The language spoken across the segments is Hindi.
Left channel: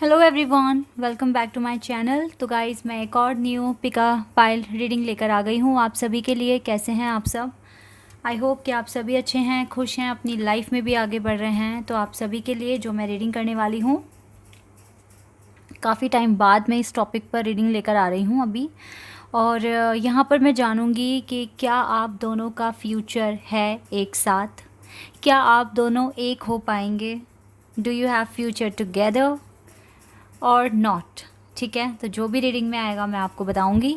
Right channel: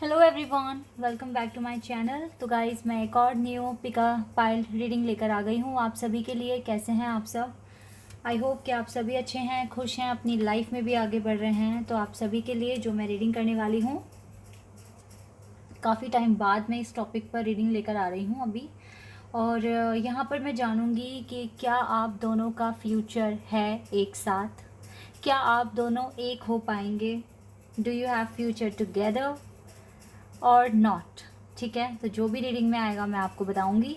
Hello everyone, welcome back to my channel. तो गाइस, मैं एक और न्यू पिका पाइल रीडिंग लेकर आ गई हूँ आप सभी के लिए। कैसे हैं आप सब? आई होप कि आप सभी अच्छे हैं, खुश हैं, अपनी लाइफ में भी आगे बढ़ रहे हैं। तो आप सभी के लिए जो मैं रीडिंग करने वाली हूँ, काफ़ी टाइम बाद मैं इस टॉपिक पर रीडिंग लेकर आ रही हूँ अभी। और यहाँ पर मैं जानूँगी कि क्या आप दोनों का फ्यूचर है एक साथ, क्या आप दोनों एक हो पाएंगे। Do you have future together और नॉट। ठीक है, तो जो भी रीडिंग में आएगा मैं आपको बताऊंगी।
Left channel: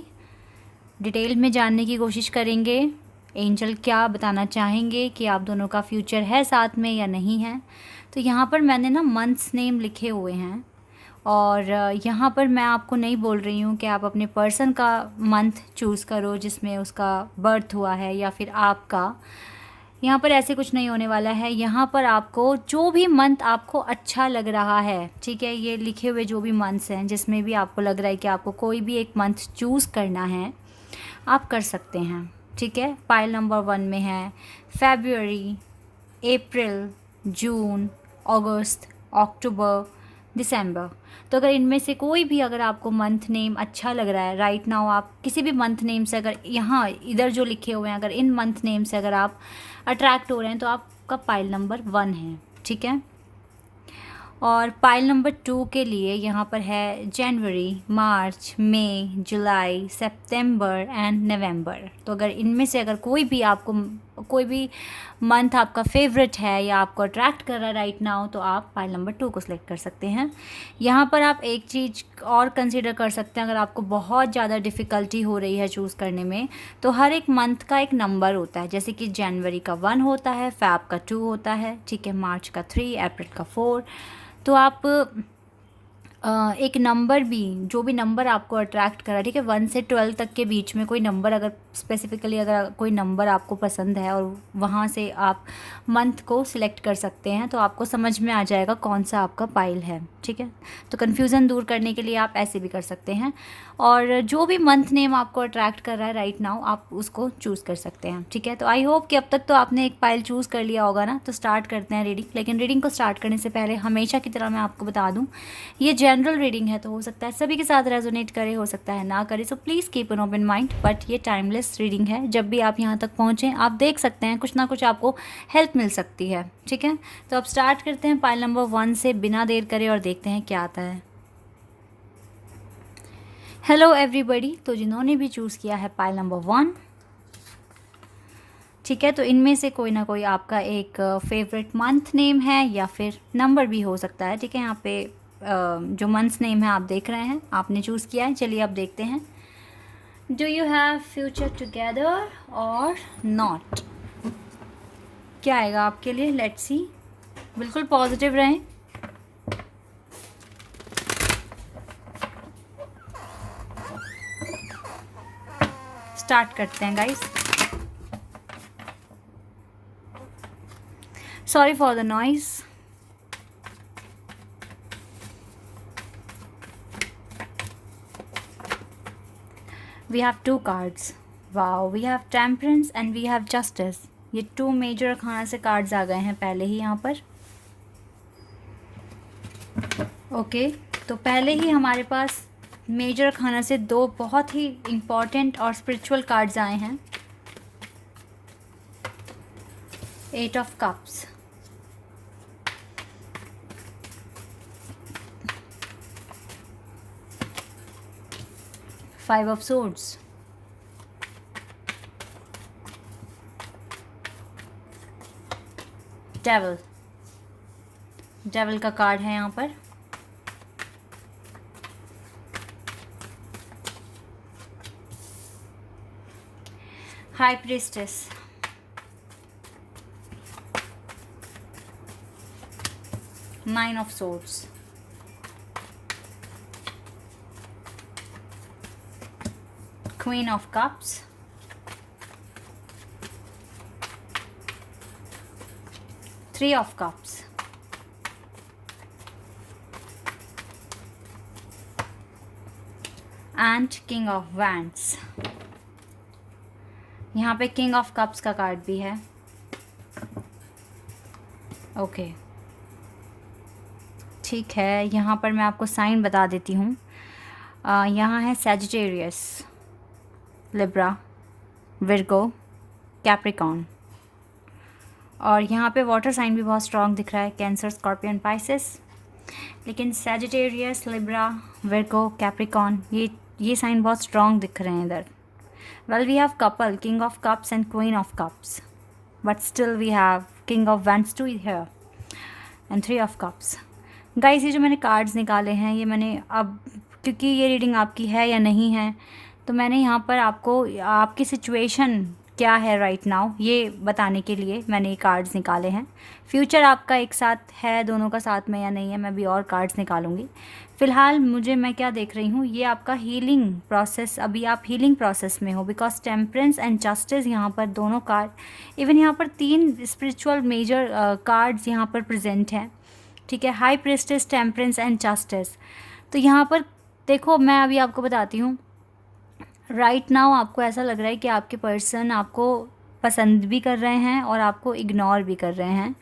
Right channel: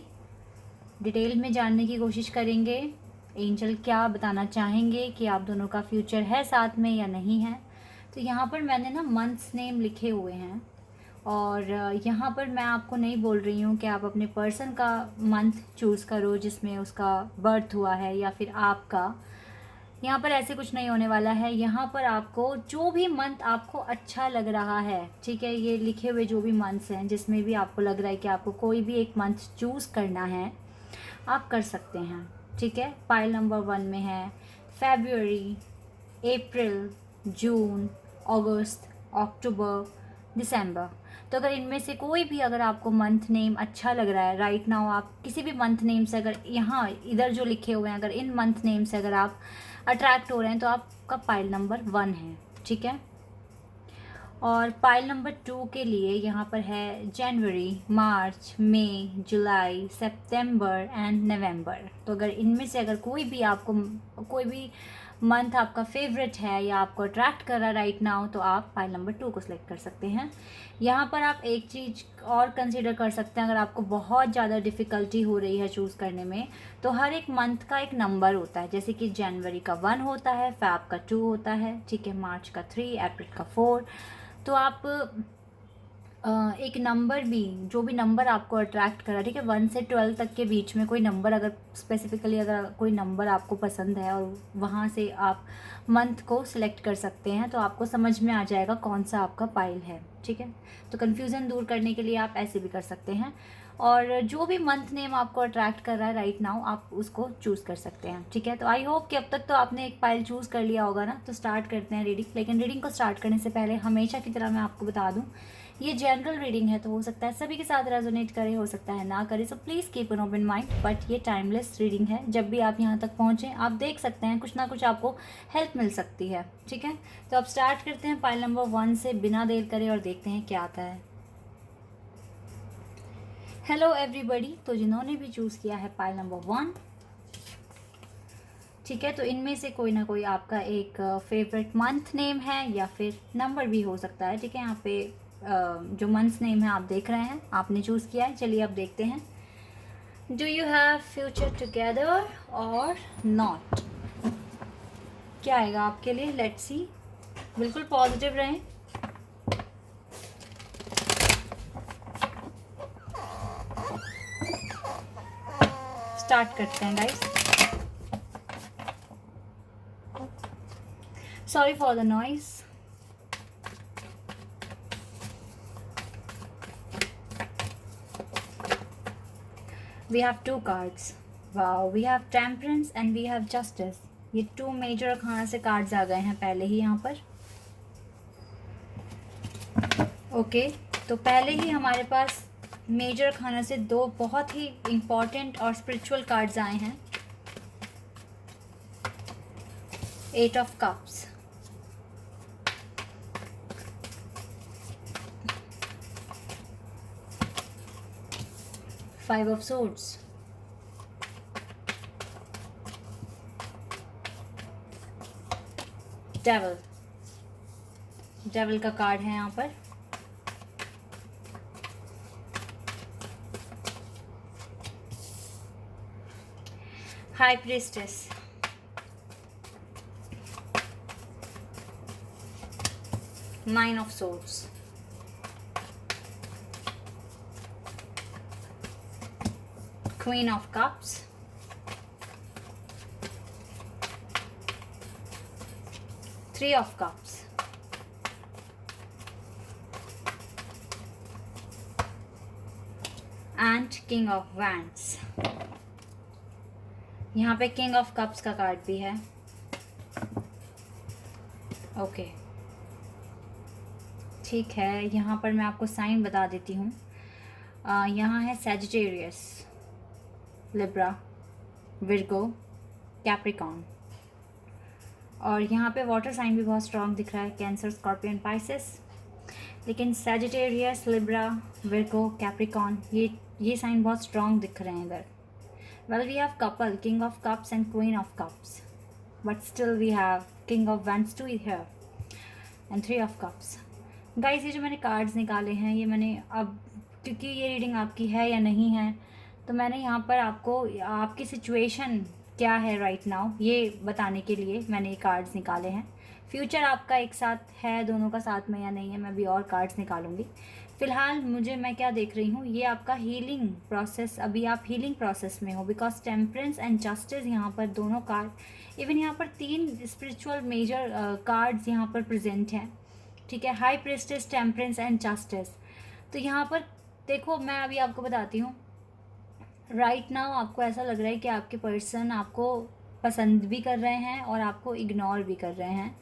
डिटेल में जानने की कोशिश करेंगे एंजल क्या बताना चाहेंगे कि आप दोनों का फ्यूचर है साथ में या नहीं है। तो यहाँ पर मैंने ना मंथ्स नेम लिखे हुए हैं, और यहाँ पर मैं आपको नहीं बोल रही हूँ कि आप अपने पर्सन का मंथ चूज़ करो जिसमें उसका बर्थ हुआ है, या फिर आपका। यहाँ पर ऐसे कुछ नहीं होने वाला है। यहाँ पर आपको जो भी मंथ आपको अच्छा लग रहा है, ठीक है, ये लिखे हुए जो भी मंथ्स हैं जिसमें भी आपको लग रहा है कि आपको कोई भी एक मंथ चूज़ करना है, आप कर सकते हैं। ठीक है, पाइल नंबर 1 में है फेब्रुअरी, अप्रैल, जून, अगस्त, अक्टूबर, दिसंबर। तो अगर इनमें से कोई भी अगर आपको मंथ नेम अच्छा लग रहा है राइट नाउ, आप किसी भी मंथ नेम से, अगर यहाँ इधर जो लिखे हुए हैं, अगर इन मंथ नेम से अगर आप अट्रैक्ट हो रहे हैं, तो आपका पाइल नंबर 1 है। ठीक है, और पाइल नंबर 2 के लिए यहाँ पर है जनवरी, मार्च, मई, जुलाई, सितंबर एंड नवंबर। तो अगर इनमें से अगर कोई भी आपको कोई भी मंथ आपका फेवरेट है या आपको अट्रैक्ट कर रहा है राइट नाउ, तो आप पाइल नंबर 2 को सिलेक्ट कर सकते हैं। यहाँ पर आप एक चीज़ और कंसिडर कर सकते हैं, अगर आपको बहुत ज़्यादा डिफ़िकल्टी हो रही है चूज़ करने में, तो हर एक मंथ का एक नंबर होता है। जैसे कि जनवरी का 1 होता है, फैब का 2 होता है, ठीक है, मार्च का 3, अप्रैल का 4। तो आप एक नंबर भी, जो भी नंबर आपको अट्रैक्ट करा, ठीक है, 1 से 12 तक के बीच में कोई नंबर, अगर स्पेसिफिकली अगर कोई नंबर आपको पसंद है और वहाँ से आप मंथ को सिलेक्ट कर सकते हैं, तो आपको समझ में आ जाएगा कौन सा आपका पाइल है। ठीक है, तो कन्फ्यूज़न दूर करने के लिए आप ऐसे भी कर सकते हैं, और जो भी मंथ नेम आपको अट्रैक्ट कर रहा है राइट नाउ, आप उसको चूज़ कर सकते हैं। ठीक है, तो आई होप कि अब तक तो आपने एक पाइल चूज़ कर लिया होगा ना। तो स्टार्ट करते हैं रीडिंग। लेकिन रीडिंग को स्टार्ट करने से पहले हमेशा की तरह मैं आपको बता दूं, ये जनरल रीडिंग है, तो हो सकता है सभी के साथ रेजोनेट करे, हो सकता है ना करे। So please keep an open mind. But ये टाइमलेस रीडिंग है, जब भी आप यहाँ तक पहुँचें आप देख सकते हैं कुछ ना कुछ आपको हेल्प मिल सकती है। ठीक है, तो अब स्टार्ट करते हैं पाइल नंबर 1 से बिना देर करे, और देखते हैं क्या आता है। हेलो एवरीबडी, तो जिन्होंने भी चूज़ किया है पाइल नंबर 1, ठीक है, तो इनमें से कोई ना कोई आपका एक फेवरेट मंथ नेम है या फिर नंबर भी हो सकता है। ठीक है, यहाँ पे जो मंथ्स नेम है आप देख रहे हैं, आपने चूज़ किया है। चलिए अब देखते हैं, do you have future together और नॉट। क्या आएगा आपके लिए, लेट्स सी। बिल्कुल पॉजिटिव रहें। स्टार्ट करते हैं guys. Sorry for the noise. We have 2 cards. Wow, we have temperance and we have justice. ये 2 मेजर अखाना से कार्ड्स आ गए हैं पहले ही यहाँ पर। ओके, तो पहले ही हमारे पास मेजर अखाना से 2 बहुत ही इम्पॉर्टेंट और स्पिरिचुअल कार्ड्स आए हैं। 8 of cups, five of swords, devil. Devil का कार्ड है यहाँ पर। High priestess, nine of swords, queen of cups, three of cups, and king of wands. यहाँ पे किंग ऑफ कप्स का कार्ड भी है। ओके, ठीक है, यहाँ पर मैं आपको साइन बता देती हूँ। यहाँ है सैजिटेरियस, लिब्रा, विर्गो, कैप्रिकॉर्न, और यहाँ पे वाटर साइन भी बहुत स्ट्रॉन्ग दिख रहा है, कैंसर, स्कॉर्पियन, पाइसेस। लेकिन सैजिटेरियस, लिब्रा, विर्गो, कैप्रिकॉर्न, ये साइन बहुत स्ट्रॉन्ग दिख रहे हैं इधर। Well, we have couple, king of cups and queen of cups, but still we have king of wands too here and three of cups. Guys, ये जो मैंने कार्ड्स निकाले हैं, ये मैंने अब, क्योंकि ये रीडिंग आपकी है या नहीं है, तो मैंने यहाँ पर आपको आपकी सिचुएशन क्या है राइट नाउ ये बताने के लिए मैंने ये कार्ड्स निकाले हैं। फ्यूचर आपका एक साथ है, दोनों का साथ में या नहीं है, मैं भी और कार्ड्स निकालूंगी। फ़िलहाल मैं क्या देख रही हूँ, ये आपका हीलिंग प्रोसेस, अभी आप हीलिंग प्रोसेस में हो, बिकॉज टेम्परेंस एंड जस्टिस यहाँ पर दोनों कार्ड, इवन यहाँ पर 3 स्पिरिचुअल मेजर कार्ड्स यहाँ पर प्रेजेंट हैं, ठीक है। High priestess, temperance and justice. तो यहाँ पर देखो, मैं अभी आपको बताती हूँ, राइट नाउ आपको ऐसा लग रहा है कि आपके पर्सन आपको पसंद भी कर रहे हैं और आपको इग्नोर भी कर रहे हैं।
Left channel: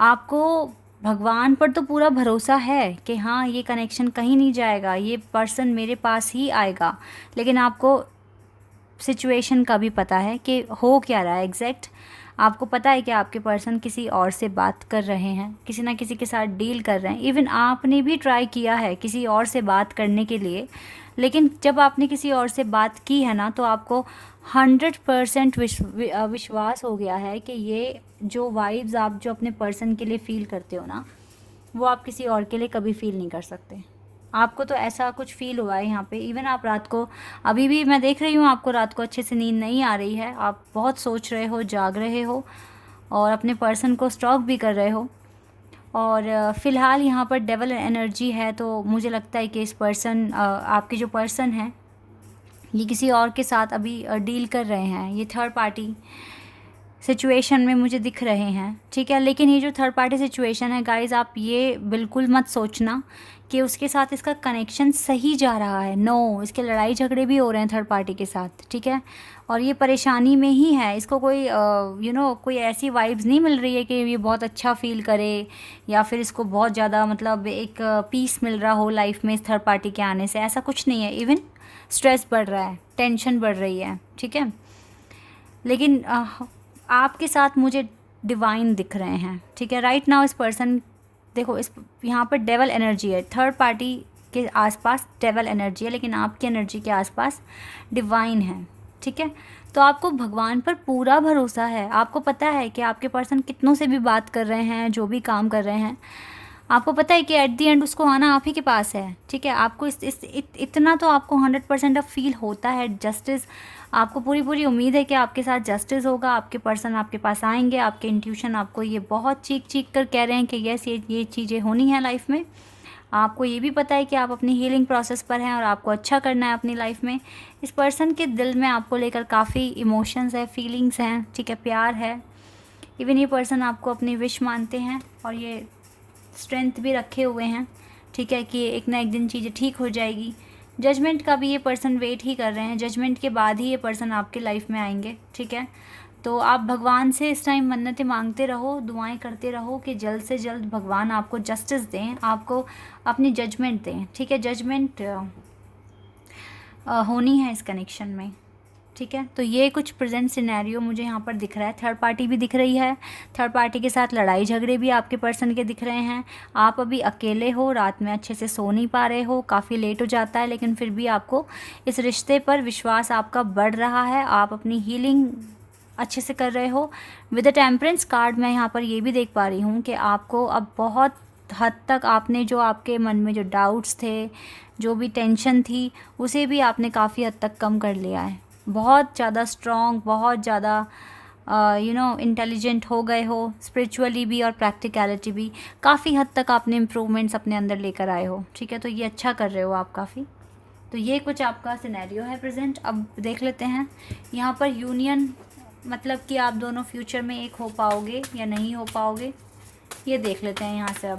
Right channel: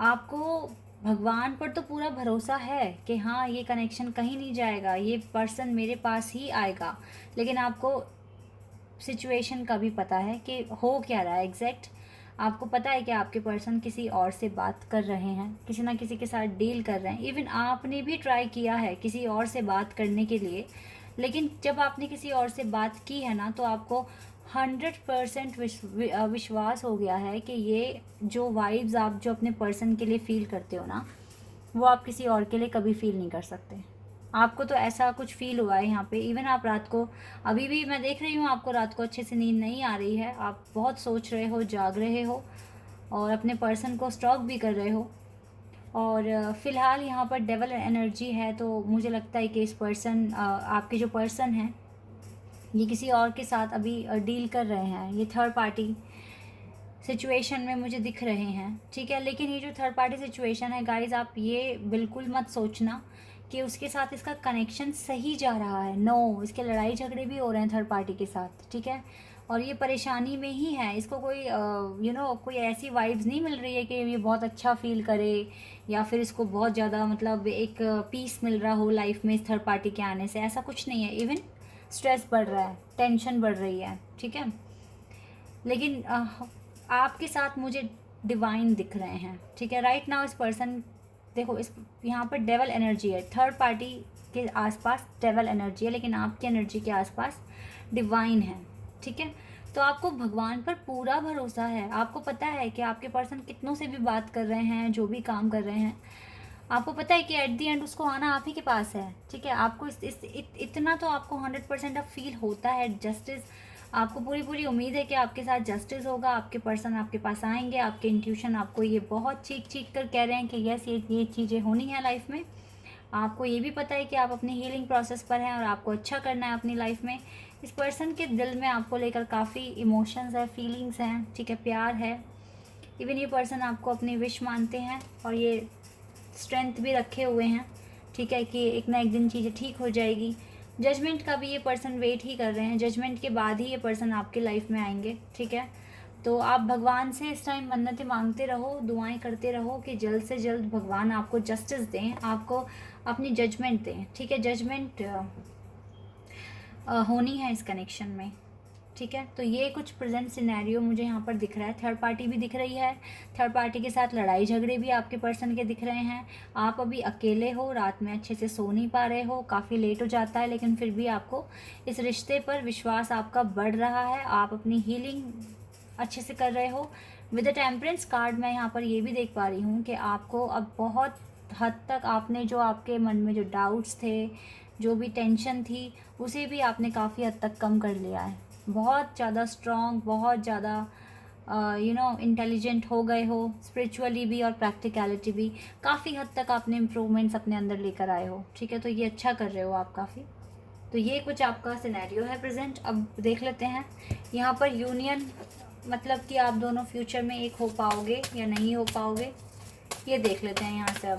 आपको भगवान पर तो पूरा भरोसा है कि हाँ, ये कनेक्शन कहीं नहीं जाएगा, ये पर्सन मेरे पास ही आएगा, लेकिन आपको सिचुएशन का भी पता है कि हो क्या रहा है एग्जैक्ट। आपको पता है कि आपके पर्सन किसी और से बात कर रहे हैं, किसी ना किसी के साथ डील कर रहे हैं। इवन आपने भी ट्राई किया है किसी और से बात करने के लिए, लेकिन जब आपने किसी और से बात की है ना, तो आपको 100% विश्वास हो गया है कि ये जो वाइब्स आप जो अपने पर्सन के लिए फ़ील करते हो ना, वो आप किसी और के लिए कभी फ़ील नहीं कर सकते। आपको तो ऐसा कुछ फ़ील हुआ है यहाँ पे। इवन आप रात को, अभी भी मैं देख रही हूँ आपको रात को अच्छे से नींद नहीं आ रही है, आप बहुत सोच रहे हो, जाग रहे हो और अपने पर्सन को स्टॉक भी कर रहे हो। और फ़िलहाल यहाँ पर डेवल एनर्जी है, तो मुझे लगता है कि इस पर्सन, आपके जो पर्सन है, ये किसी और के साथ अभी डील कर रहे हैं। ये थर्ड पार्टी सिचुएशन में मुझे दिख रहे हैं, ठीक है। लेकिन ये जो थर्ड पार्टी सिचुएशन है गाइज़, आप ये बिल्कुल मत सोचना कि उसके साथ इसका कनेक्शन सही जा रहा है। नो, इसके लड़ाई झगड़े भी हो रहे हैं थर्ड पार्टी के साथ, ठीक है। और ये परेशानी में ही है, इसको कोई कोई ऐसी वाइब्स नहीं मिल रही है कि ये बहुत अच्छा फील करे, या फिर इसको बहुत ज़्यादा मतलब एक पीस मिल रहा हो लाइफ में इस थर्ड पार्टी के आने से। ऐसा कुछ नहीं है। इवन स्ट्रेस बढ़ रहा है, टेंशन बढ़ रही है, ठीक है। लेकिन आपके साथ मुझे डिवाइन दिख रहे हैं, ठीक है। राइट नाउ इस पर्सन, देखो, इस यहाँ पर डेवल एनर्जी है, थर्ड पार्टी के आसपास डेवल एनर्जी है, लेकिन आपकी एनर्जी के आसपास डिवाइन है, ठीक है। तो आपको भगवान पर पूरा भरोसा है। आपको पता है कि आपके पर्सन कितनों से भी बात कर रहे हैं, जो भी काम कर रहे हैं, आपको पता है कि एट दी एंड उसको आना आप ही के पास है, ठीक है। आपको इतना तो आपको 100% अब फील होता है जस्टिस। आपको पूरी उम्मीद है कि आपके साथ जस्टिस होगा, आपके पर्सन आपके पास आएंगे। आपके इंट्यूशन आपको ये बहुत चीख कर कह रहे हैं कि यस, ये चीज़ें होनी है लाइफ में। आपको ये भी पता है कि आप अपनी हीलिंग प्रोसेस पर हैं और आपको अच्छा करना है अपनी लाइफ में। इस पर्सन के दिल में आपको लेकर काफ़ी इमोशंस है, फीलिंग्स हैं, ठीक है, प्यार है। इवन ये पर्सन आपको अपनी विश मानते हैं और ये स्ट्रेंथ भी रखे हुए हैं, ठीक है, कि एक ना एक दिन चीज़ें ठीक हो जाएगी। जजमेंट का भी ये पर्सन वेट ही कर रहे हैं, जजमेंट के बाद ही ये पर्सन आपके लाइफ में आएंगे, ठीक है। तो आप भगवान से इस टाइम मन्नतें मांगते रहो, दुआएं करते रहो कि जल्द से जल्द भगवान आपको जस्टिस दें, आपको अपनी जजमेंट दें, ठीक है। जजमेंट होनी है इस कनेक्शन में, ठीक है। तो ये कुछ प्रेजेंट सिनेरियो मुझे यहाँ पर दिख रहा है। थर्ड पार्टी भी दिख रही है, थर्ड पार्टी के साथ लड़ाई झगड़े भी आपके पर्सन के दिख रहे हैं। आप अभी अकेले हो, रात में अच्छे से सो नहीं पा रहे हो, काफ़ी लेट हो जाता है, लेकिन फिर भी आपको इस रिश्ते पर विश्वास आपका बढ़ रहा है। आप अपनी हीलिंग अच्छे से कर रहे हो। विद द टेम्परेंस कार्ड मैं यहाँ पर ये भी देख पा रही हूँ कि आपको अब बहुत हद तक आपने जो आपके मन में जो डाउट्स थे, जो भी टेंशन थी, उसे भी आपने काफ़ी हद तक कम कर लिया है। बहुत ज़्यादा स्ट्रॉन्ग, बहुत ज़्यादा इंटेलिजेंट हो गए हो, स्पिरिचुअली भी और प्रैक्टिकलिटी भी काफ़ी हद तक आपने इम्प्रूवमेंट्स अपने अंदर लेकर आए हो, ठीक है। तो ये अच्छा कर रहे हो आप काफ़ी। तो ये कुछ आपका सिनेरियो है प्रेजेंट। अब देख लेते हैं यहाँ पर यूनियन, मतलब कि आप दोनों फ्यूचर में एक हो पाओगे या नहीं हो पाओगे, ये देख लेते हैं यहाँ से। अब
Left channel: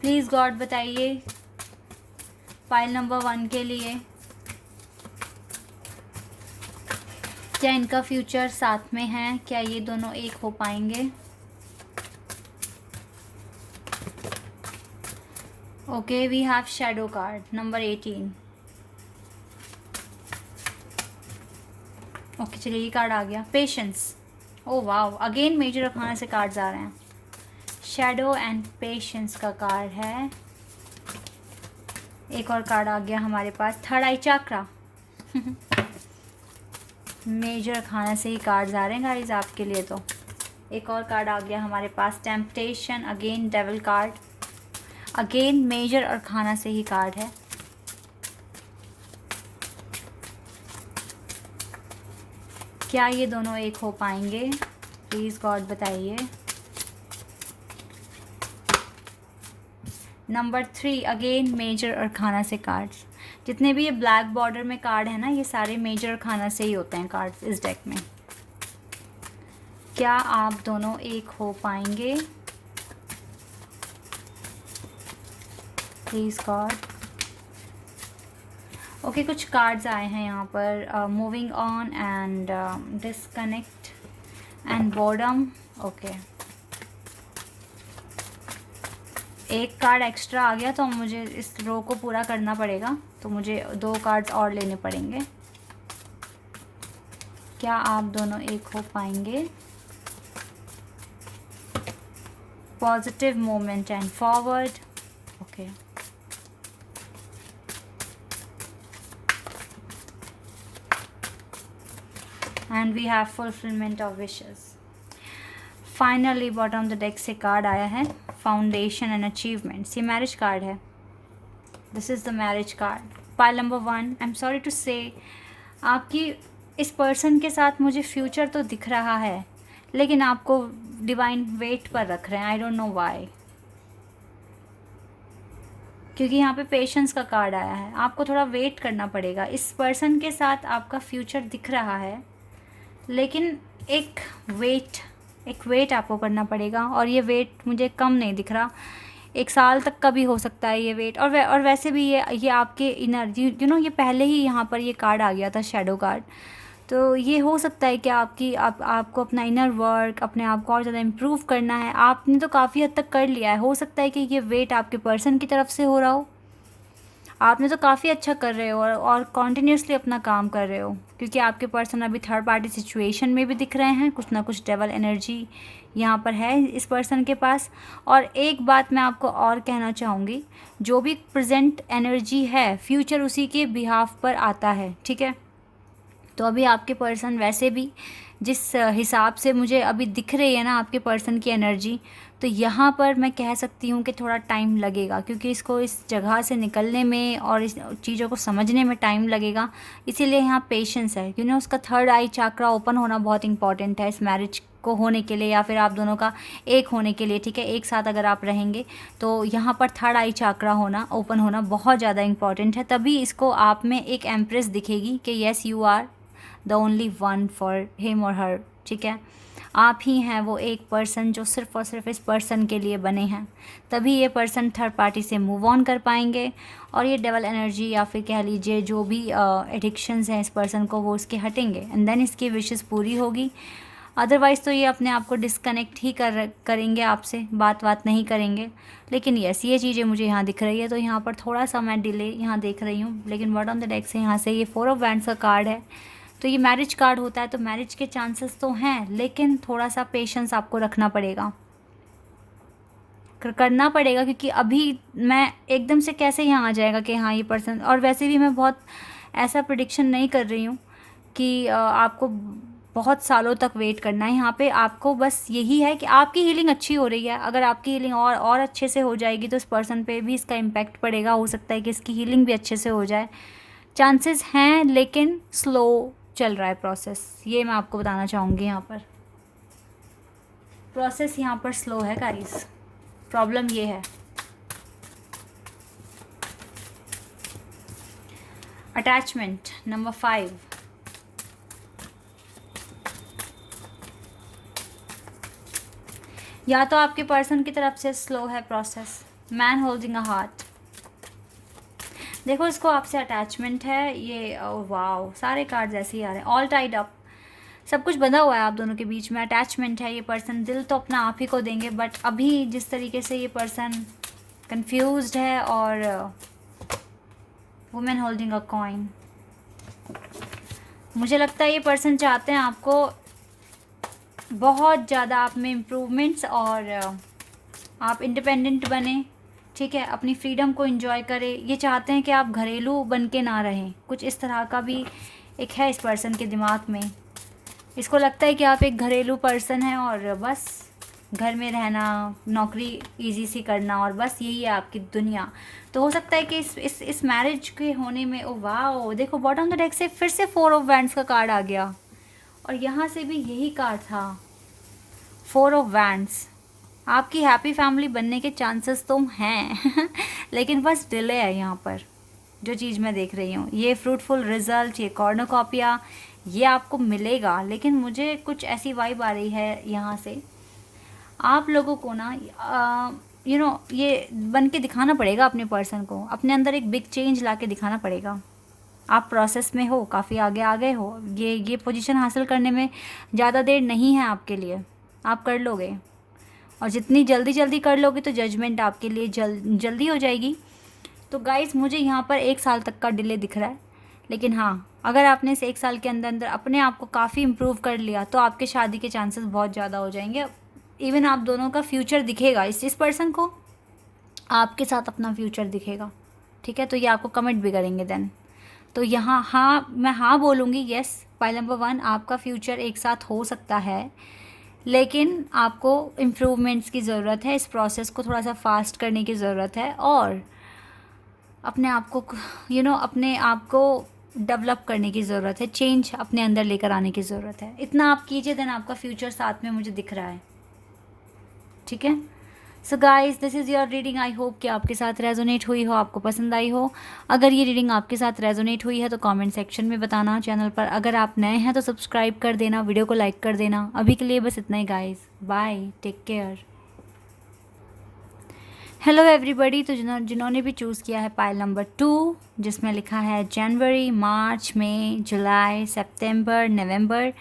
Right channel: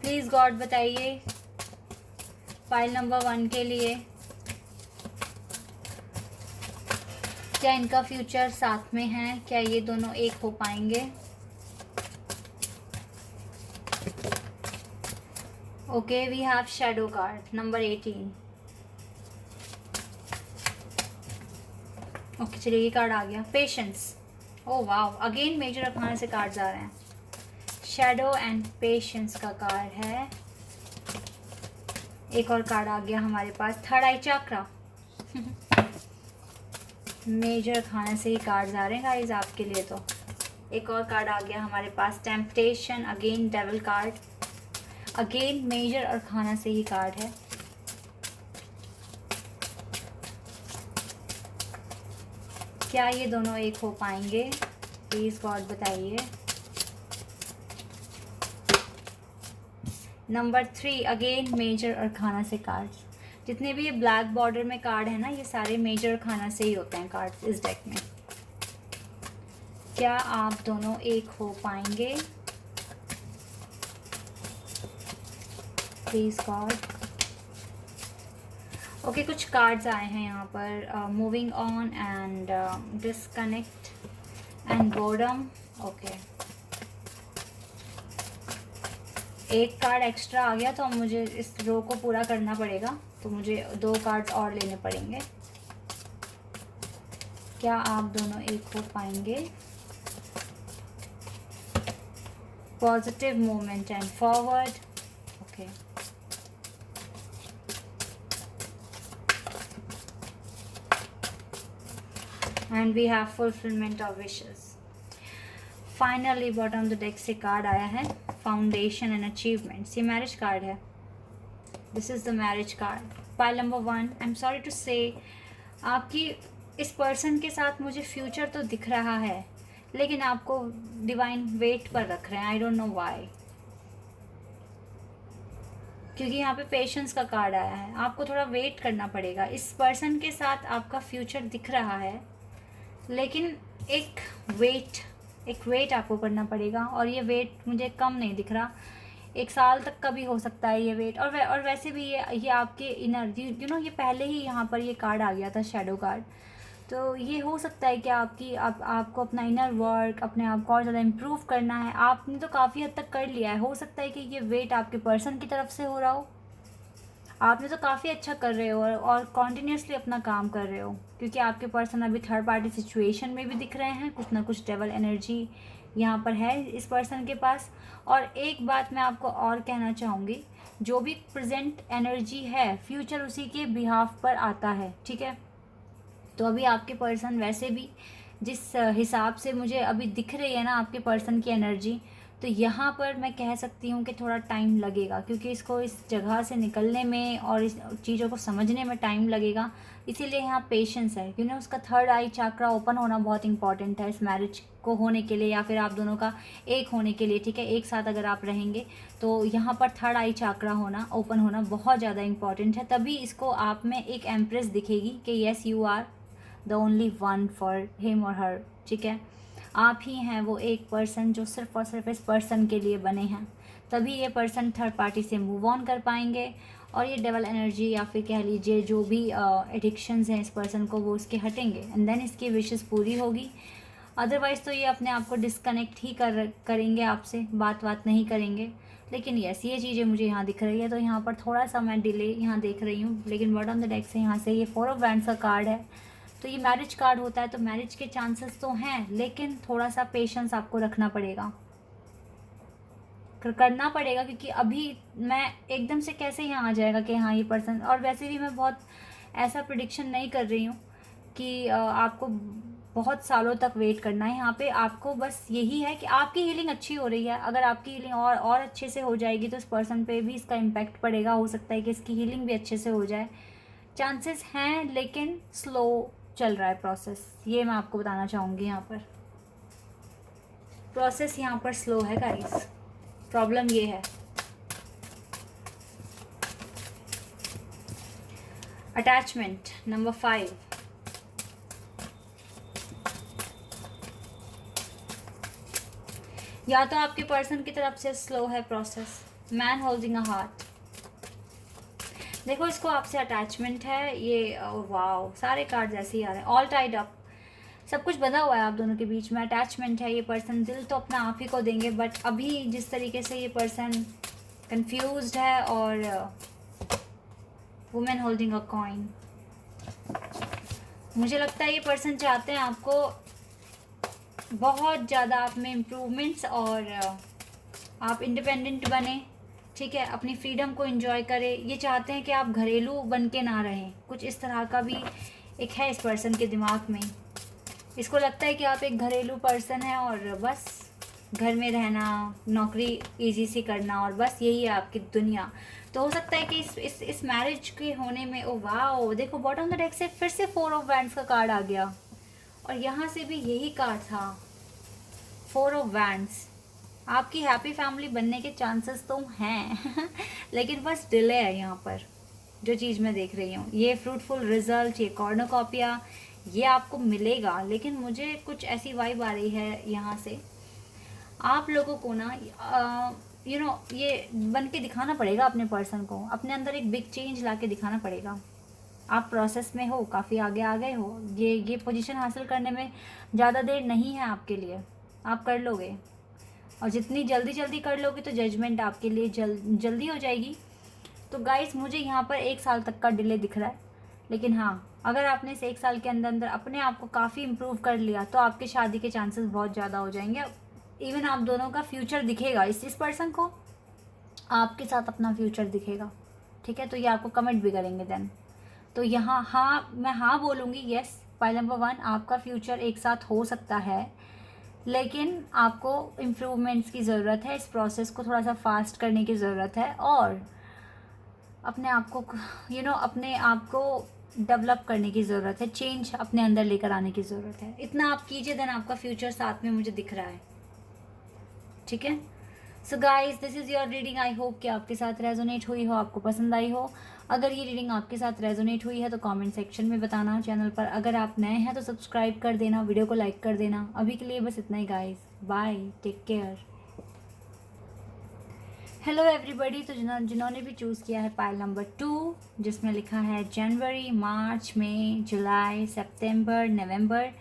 प्लीज़ गॉड बताइए पाइल नंबर 1 के लिए क्या इनका फ्यूचर साथ में है? क्या ये दोनों एक हो पाएंगे? Okay, we have shadow card number 18। Okay चलिए, ये कार्ड आ गया, patience. Oh wow, again major arcana से कार्ड्स आ रहे हैं। शैडो एंड पेशेंस का कार्ड है। एक और कार्ड आ गया हमारे पास, थर्ड आई चक्रा। मेजर खाना से ही कार्ड्स आ रहे हैं गाइस आपके लिए। तो एक और कार्ड आ गया हमारे पास, temptation, again devil card, again major और खाना से ही कार्ड है। क्या ये दोनों एक हो पाएंगे? प्लीज गॉड बताइए। नंबर 3, अगेन मेजर और खाना से कार्ड्स। जितने भी ये ब्लैक बॉर्डर में कार्ड है ना, ये सारे मेजर और खाना से ही होते हैं कार्ड्स इस डेक में। क्या आप दोनों एक हो पाएंगे? Please God. ओके, कुछ कार्ड्स आए हैं यहाँ पर, moving on and disconnect and boredom. Okay, एक कार्ड एक्स्ट्रा आ गया तो मुझे इस रो को पूरा करना पड़ेगा, तो मुझे 2 कार्ड्स और लेने पड़ेंगे। क्या आप दोनों एक हो पाएंगे? Positive moment and forward. Okay, and we have fulfilment of wishes. Finally bottom the deck से कार्ड आया है, फाउंडेशन एंड अचीवमेंट्स। ये मैरिज कार्ड है। This is the marriage card, pile number 1। I am sorry to say, आपकी इस पर्सन के साथ मुझे फ्यूचर तो दिख रहा है, लेकिन आपको डिवाइन वेट पर रख रहे हैं। आई डोंट नो व्हाई, क्योंकि यहाँ पे पेशेंस का कार्ड आया है। आपको थोड़ा वेट करना पड़ेगा। इस पर्सन के साथ आपका फ्यूचर दिख रहा है, लेकिन एक वेट आपको करना पड़ेगा, और ये वेट मुझे कम नहीं दिख रहा। 1 साल तक का भी हो सकता है ये वेट। और वैसे भी ये आपके इनर ये पहले ही यहाँ पर ये कार्ड आ गया था, शैडो कार्ड। तो ये हो सकता है कि आपको अपना इनर वर्क, अपने आप को और ज़्यादा इम्प्रूव करना है। आपने तो काफ़ी हद तक कर लिया है। हो सकता है कि ये वेट आपके पर्सन की तरफ से हो रहा हो। आपने तो काफ़ी अच्छा कर रहे हो और कॉन्टीन्यूसली अपना काम कर रहे हो, क्योंकि आपके पर्सन अभी थर्ड पार्टी सिचुएशन में भी दिख रहे हैं। कुछ ना कुछ डेवल एनर्जी यहाँ पर है इस पर्सन के पास। और एक बात मैं आपको और कहना चाहूँगी, जो भी प्रेजेंट एनर्जी है, फ्यूचर उसी के बिहाफ पर आता है, ठीक है। तो अभी आपके पर्सन वैसे भी जिस हिसाब से मुझे अभी दिख रही है ना आपके पर्सन की एनर्जी, तो यहाँ पर मैं कह सकती हूँ कि थोड़ा टाइम लगेगा, क्योंकि इसको इस जगह से निकलने में और इस चीज़ों को समझने में टाइम लगेगा। इसीलिए यहाँ पेशेंस है, क्योंकि उसका थर्ड आई चक्रा ओपन होना बहुत इंपॉर्टेंट है इस मैरिज को होने के लिए, या फिर आप दोनों का एक होने के लिए, ठीक है। एक साथ अगर आप रहेंगे तो यहाँ पर थर्ड आई चक्रा होना, ओपन होना बहुत ज़्यादा इंपॉर्टेंट है। तभी इसको आप में एक एम्प्रेस दिखेगी कि yes you are the only one for him और हर, ठीक है। आप ही हैं वो एक पर्सन जो सिर्फ और सिर्फ इस पर्सन के लिए बने हैं। तभी ये पर्सन थर्ड पार्टी से मूव ऑन कर पाएंगे, और ये डेवल एनर्जी या फिर कह लीजिए जो भी एडिक्शंस हैं इस पर्सन को, वो उसके हटेंगे, एंड देन इसकी विशेस पूरी होगी। अदरवाइज़ तो ये अपने आप को डिस्कनेक्ट ही करेंगे आपसे, बात नहीं करेंगे। लेकिन यस, ये चीज़ें मुझे यहाँ दिख रही है, तो यहाँ पर थोड़ा सा मैं डिले यहाँ देख रही हूँ। लेकिन बॉटम ऑफ द डेक से यहाँ से ये 4 ऑफ वैंड्स का कार्ड है, तो ये मैरिज कार्ड होता है, तो मैरिज के चांसेस तो हैं, लेकिन थोड़ा सा पेशेंस आपको रखना पड़ेगा, करना पड़ेगा, क्योंकि अभी मैं एकदम से कैसे यहाँ आ जाएगा कि हाँ ये पर्सन। और वैसे भी मैं बहुत ऐसा प्रिडिक्शन नहीं कर रही हूँ कि आपको बहुत सालों तक वेट करना है। यहाँ पे आपको बस यही है कि आपकी हीलिंग अच्छी हो रही है। अगर आपकी हीलिंग और अच्छे से हो जाएगी तो इस पर्सन पे भी इसका इम्पैक्ट पड़ेगा। हो सकता है कि इसकी हीलिंग भी अच्छे से हो जाए, चांसेस हैं, लेकिन स्लो चल रहा है प्रोसेस। ये मैं आपको बताना चाहूँगी। यहाँ पर प्रोसेस यहाँ पर स्लो है गाइस, प्रॉब्लम ये है। अटैचमेंट नंबर 5, या तो आपके पर्सन की तरफ से स्लो है process. Man holding a heart, देखो इसको आपसे अटैचमेंट है। ये वाव, सारे कार्ड्स ऐसे ही आ रहे हैं। ऑल टाइड अप, सब कुछ बंधा हुआ है आप दोनों के बीच में, अटैचमेंट है, ये पर्सन दिल तो अपना आप ही को देंगे, बट अभी जिस तरीके से ये पर्सन कंफ्यूज्ड है, और वुमेन होल्डिंग अ कॉइन, मुझे लगता है ये पर्सन चाहते हैं आपको बहुत ज़्यादा आप में इम्प्रूवमेंट्स, और आप इंडिपेंडेंट बने, ठीक है, अपनी फ्रीडम को एंजॉय करें। ये चाहते हैं कि आप घरेलू बन के ना रहें, कुछ इस तरह का भी एक है इस पर्सन के दिमाग में। इसको लगता है कि आप एक घरेलू पर्सन हैं और बस घर में रहना, नौकरी इजी सी करना, और बस यही है आपकी दुनिया। तो हो सकता है कि इस मैरिज के होने में, ओ वाह, देखो बॉटम ऑफ द डेक से फिर से 4 ऑफ वैंड्स का कार्ड आ गया, और यहाँ से भी यही कार्ड था, 4 ऑफ वैंड्स। आपकी हैप्पी फैमिली बनने के चांसेस तो हैं लेकिन बस डिले है यहाँ पर, जो चीज़ मैं देख रही हूँ। ये फ्रूटफुल रिजल्ट, ये कॉर्नोकॉपिया, ये आपको मिलेगा, लेकिन मुझे कुछ ऐसी वाइब आ रही है यहाँ से, आप लोगों को ना ये बन के दिखाना पड़ेगा अपने पर्सन को, अपने अंदर एक बिग चेंज ला के दिखाना पड़ेगा। आप प्रोसेस में हो, काफ़ी आगे आ गए हो, ये पोजीशन हासिल करने में ज़्यादा देर नहीं है आपके लिए, आप कर लोगे, और जितनी जल्दी कर लोगे तो जजमेंट आपके लिए जल्दी हो जाएगी। तो गाइस, मुझे यहाँ पर 1 साल तक का डिले दिख रहा है, लेकिन हाँ, अगर आपने इस 1 साल के अंदर अपने आप को काफ़ी इम्प्रूव कर लिया तो आपके शादी के चांसेस बहुत ज़्यादा हो जाएंगे। इवन आप दोनों का फ्यूचर दिखेगा, इस पर्सन को आपके साथ अपना फ्यूचर दिखेगा, ठीक है। तो ये आपको कमेंट भी करेंगे देन। तो यहाँ हाँ, मैं हाँ बोलूँगी, यस, पॉइंट नंबर 1, आपका फ्यूचर एक साथ हो सकता है, लेकिन आपको इम्प्रूवमेंट्स की ज़रूरत है, इस प्रोसेस को थोड़ा सा फास्ट करने की ज़रूरत है, और अपने आप को अपने आप को डेवलप करने की ज़रूरत है, चेंज अपने अंदर लेकर आने की ज़रूरत है। इतना आप कीजिए, देन आपका फ्यूचर साथ में मुझे दिख रहा है, ठीक है। So guys, this is your reading. I hope कि आपके साथ रेजोनेट हुई हो, आपको पसंद आई हो। अगर ये रीडिंग आपके साथ रेजोनेट हुई है तो कमेंट सेक्शन में बताना। चैनल पर अगर आप नए हैं तो सब्सक्राइब कर देना, वीडियो को लाइक कर देना। अभी के लिए बस इतना ही guys, bye, take care. Hello everybody. तो जिन्होंने भी चूज़ किया है पाइल नंबर 2, जिसमें लिखा है जनवरी, मार्च, मई, जुलाई, सितंबर, नवंबर,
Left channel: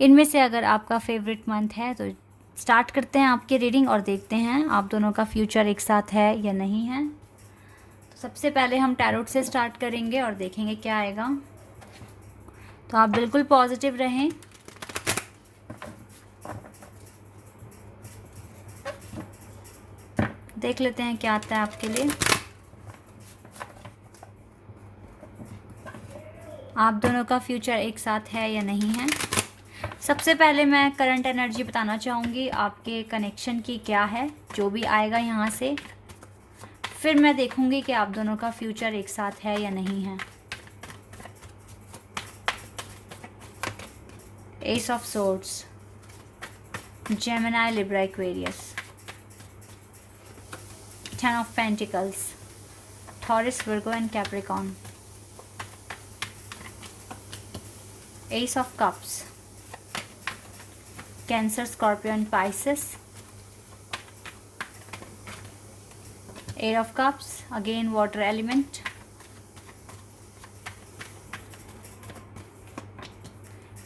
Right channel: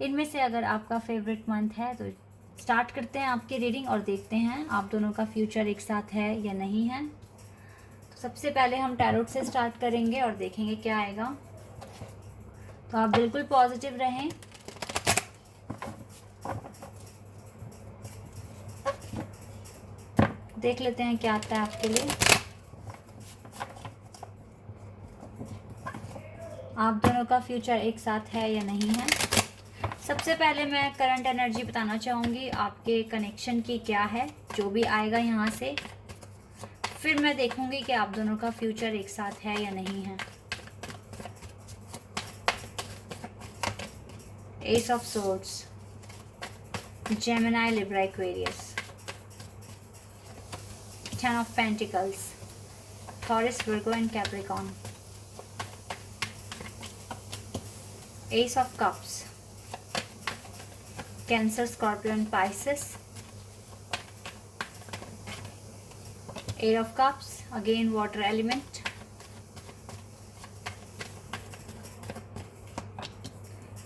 इनमें से अगर आपका फेवरेट मंथ है तो स्टार्ट करते हैं आपकी रीडिंग और देखते हैं आप दोनों का फ्यूचर एक साथ है या नहीं है। तो सबसे पहले हम टैरोट से स्टार्ट करेंगे और देखेंगे क्या आएगा। तो आप बिल्कुल पॉजिटिव रहें। देख लेते हैं क्या आता है आपके लिए। आप दोनों का फ्यूचर एक साथ है या नहीं है। सबसे पहले मैं करंट एनर्जी बताना चाहूँगी आपके कनेक्शन की क्या है, जो भी आएगा यहाँ से। फिर मैं देखूँगी कि आप दोनों का फ्यूचर एक साथ है या नहीं है। S of swords, Gemini, Libra, Aquarius, 10 of Pentacles, Taurus, Virgo and Capricorn, Ace of Cups, Cancer, Scorpio and Pisces, 8 of Cups, again water element,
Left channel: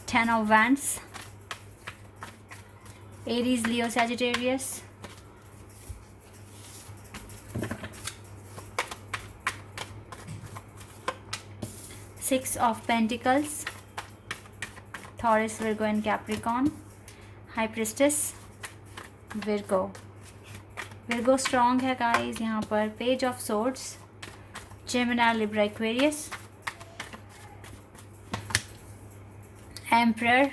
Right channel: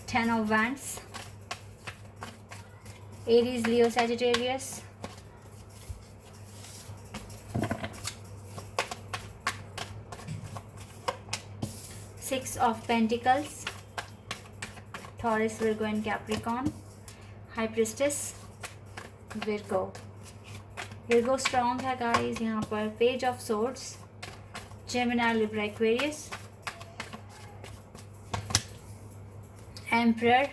10 of Wands, Aries, Leo, Sagittarius, 6 of Pentacles, Taurus, Virgo and Capricorn, High Priestess, Virgo strong है गाइस यहाँ पर। Page of Swords, Gemini, Libra, Aquarius, Emperor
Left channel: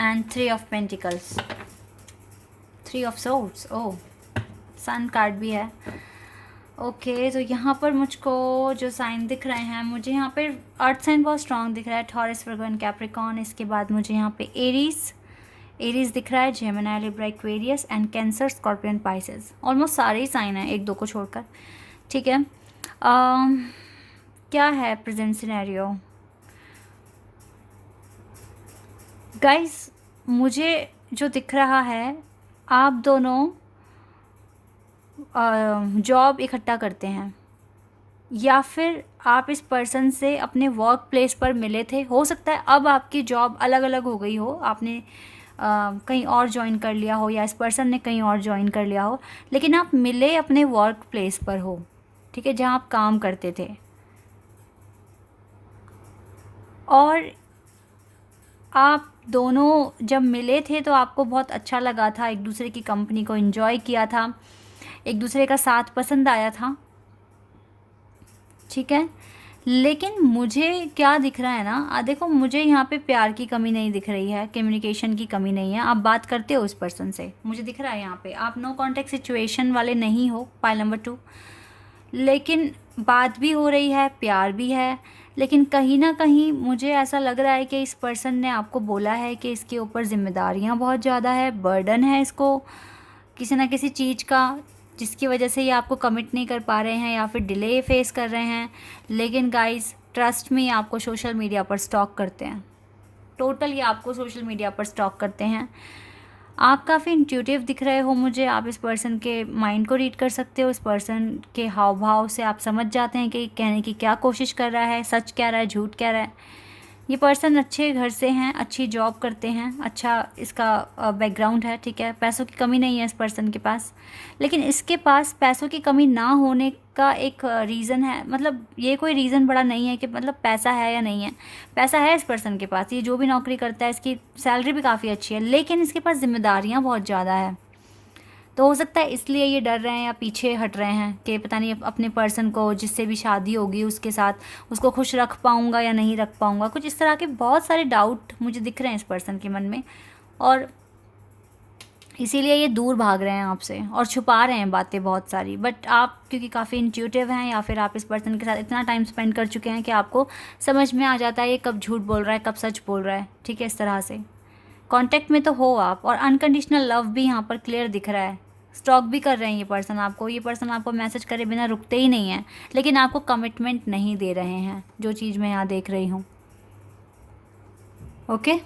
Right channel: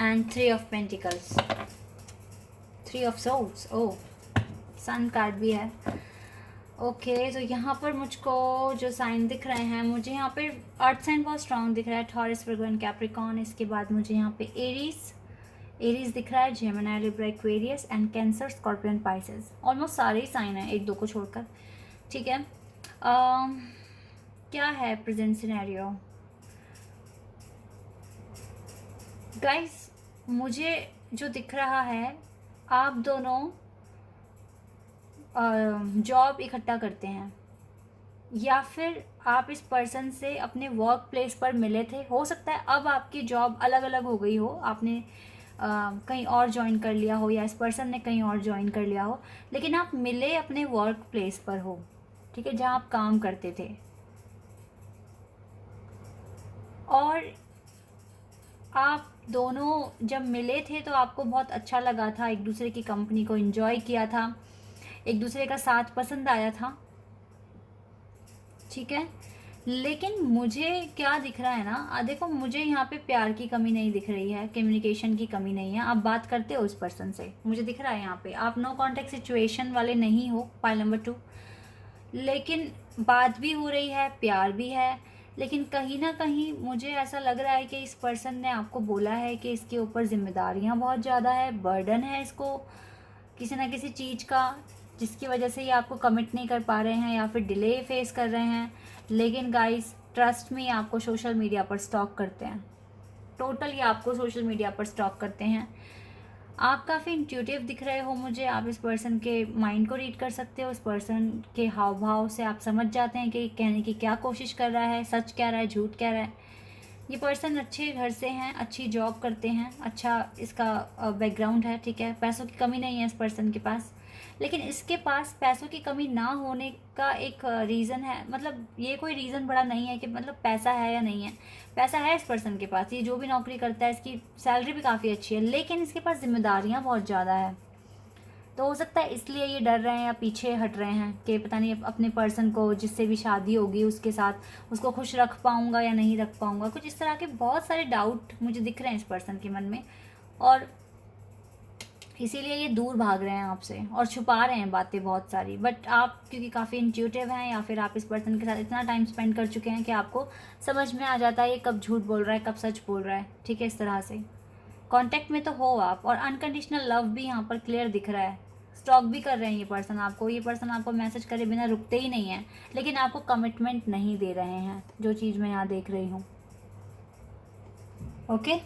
and 3 of Pentacles, 3 of Swords, oh, Sun card भी है। ओके तो यहाँ पर मुझको जो साइन दिख रहे हैं, मुझे यहाँ पर अर्थ साइन बहुत स्ट्रांग दिख रहा है, टॉरस, वर्गो एंड कैप्रिकॉर्न। इसके बाद मुझे यहाँ पे एरीज दिख रहा है, Gemini, Libra, Aquarius and cancer, Scorpion, Pisces. Almost सारे ही साइन हैं, 1-2 को छोड़कर, ठीक है। क्या है प्रेजेंट सिनेरियो गाइस, मुझे जो दिख रहा है, आप दोनों जॉब इकट्ठा करते हैं, या फिर आप इस पर्सन से अपने वर्क प्लेस पर मिले थे। हो सकता है अब आपकी जॉब अलग अलग हो गई हो, आपने कहीं और ज्वाइन कर लिया हो या इस पर्सन ने कहीं और ज्वाइन कर लिया हो, लेकिन आप मिले अपने वर्क प्लेस पर हो, ठीक है, जहाँ आप काम करते थे। और आप दोनों जब मिले थे तो आपको बहुत अच्छा लगा था, एक दूसरे की कंपनी को एंजॉय किया था, एक दूसरे का साथ पसंद आया था, ठीक है। लेकिन मुझे क्या दिख रहा है ना, देखो मुझे यहाँ पे प्यार की कमी नहीं दिख रही है, कम्युनिकेशन की कमी नहीं है। आप बात करते हो उस पर्सन से, मुझे दिख रहा है यहाँ पे आप नो कॉन्टेक्ट सिचुएशन वाले नहीं हो, पाइल नंबर 2। लेकिन बात भी हो रही है, प्यार भी है, लेकिन कहीं ना कहीं मुझे ऐसा लग रहा है कि इस पर्सन ने आपको बोला है कि इसके ऊपर जिम्मेदारियाँ बहुत ज़्यादा है, बर्डन है इसको किसी ना किसी चीज़ का, जिसकी वजह से ये आपको कमिट नहीं कर पा रहे हैं या फिर डिले फेस कर रहे हैं। लेकिन गाइस ट्रस्ट में, ये आपको सोशल मीडिया पर स्टॉक करते हैं, टोटल ये आपको सोशल मीडिया पर स्टॉक करते हैं। आप काफ़ी इंट्यूटिव दिख रहे हो मुझे, आप इस पर्सन के माइंड को रीड कर सकते हो, इस पर्सन के हाव भाव से आप समझ जाते हैं कि कहने की क्या कोशिश कर रहा है, सच कह रहा है, झूठ कह रहा है। ये पर्सन अच्छे घर से हैं, अच्छी जॉब करते हैं, अच्छा इसका बैकग्राउंड है, ठीक है, पैसों की कमी नहीं है इस पर्सन के पास। लेकिन इसके पास पैसों की कमी ना होने का एक रीज़न है, मतलब ये कोई रीज़न बड़ा नहीं है कि मतलब पैसा है या नहीं है, पैसा है इस पर्सन के पास, ये जो भी नौकरी करता है इसकी सैलरी भी काफ़ी अच्छी है, लेकिन इसके पास जिम्मेदारियाँ बहुत ज़्यादा है। तो हो सकता है इसलिए ये डर रहे हैं या पीछे हट रहे हैं कि पता नहीं अपने पर्सन को जिससे भी शादी होगी उसके साथ उसको खुश रख पाऊँगा या नहीं रख पाऊँगा, कुछ इस तरह के बहुत सारे डाउट मुझे दिख रहे हैं इस पर्सन के मन में। और इसीलिए ये दूर भाग रहे हैं आपसे और छुपा रहे हैं बातें बहुत सारी। बट आप क्योंकि काफ़ी इंट्यूटिव हैं या फिर आप इस पर्सन के साथ इतना टाइम स्पेंड कर चुके हैं कि आपको समझ में आ जाता है ये कब झूठ बोल रहा है, कब सच बोल रहा है, ठीक है। इस तरह से कांटेक्ट में तो हो आप, और अनकंडीशनल लव भी यहाँ पर क्लियर दिख रहा है। स्टॉक भी कर रहे हैं ये पर्सन आपको, ये पर्सन आपको मैसेज करे बिना रुकते ही नहीं है, लेकिन आपको कमिटमेंट नहीं दे रहे हैं, जो चीज़ मैं यहाँ देख रही हूँ। ओके,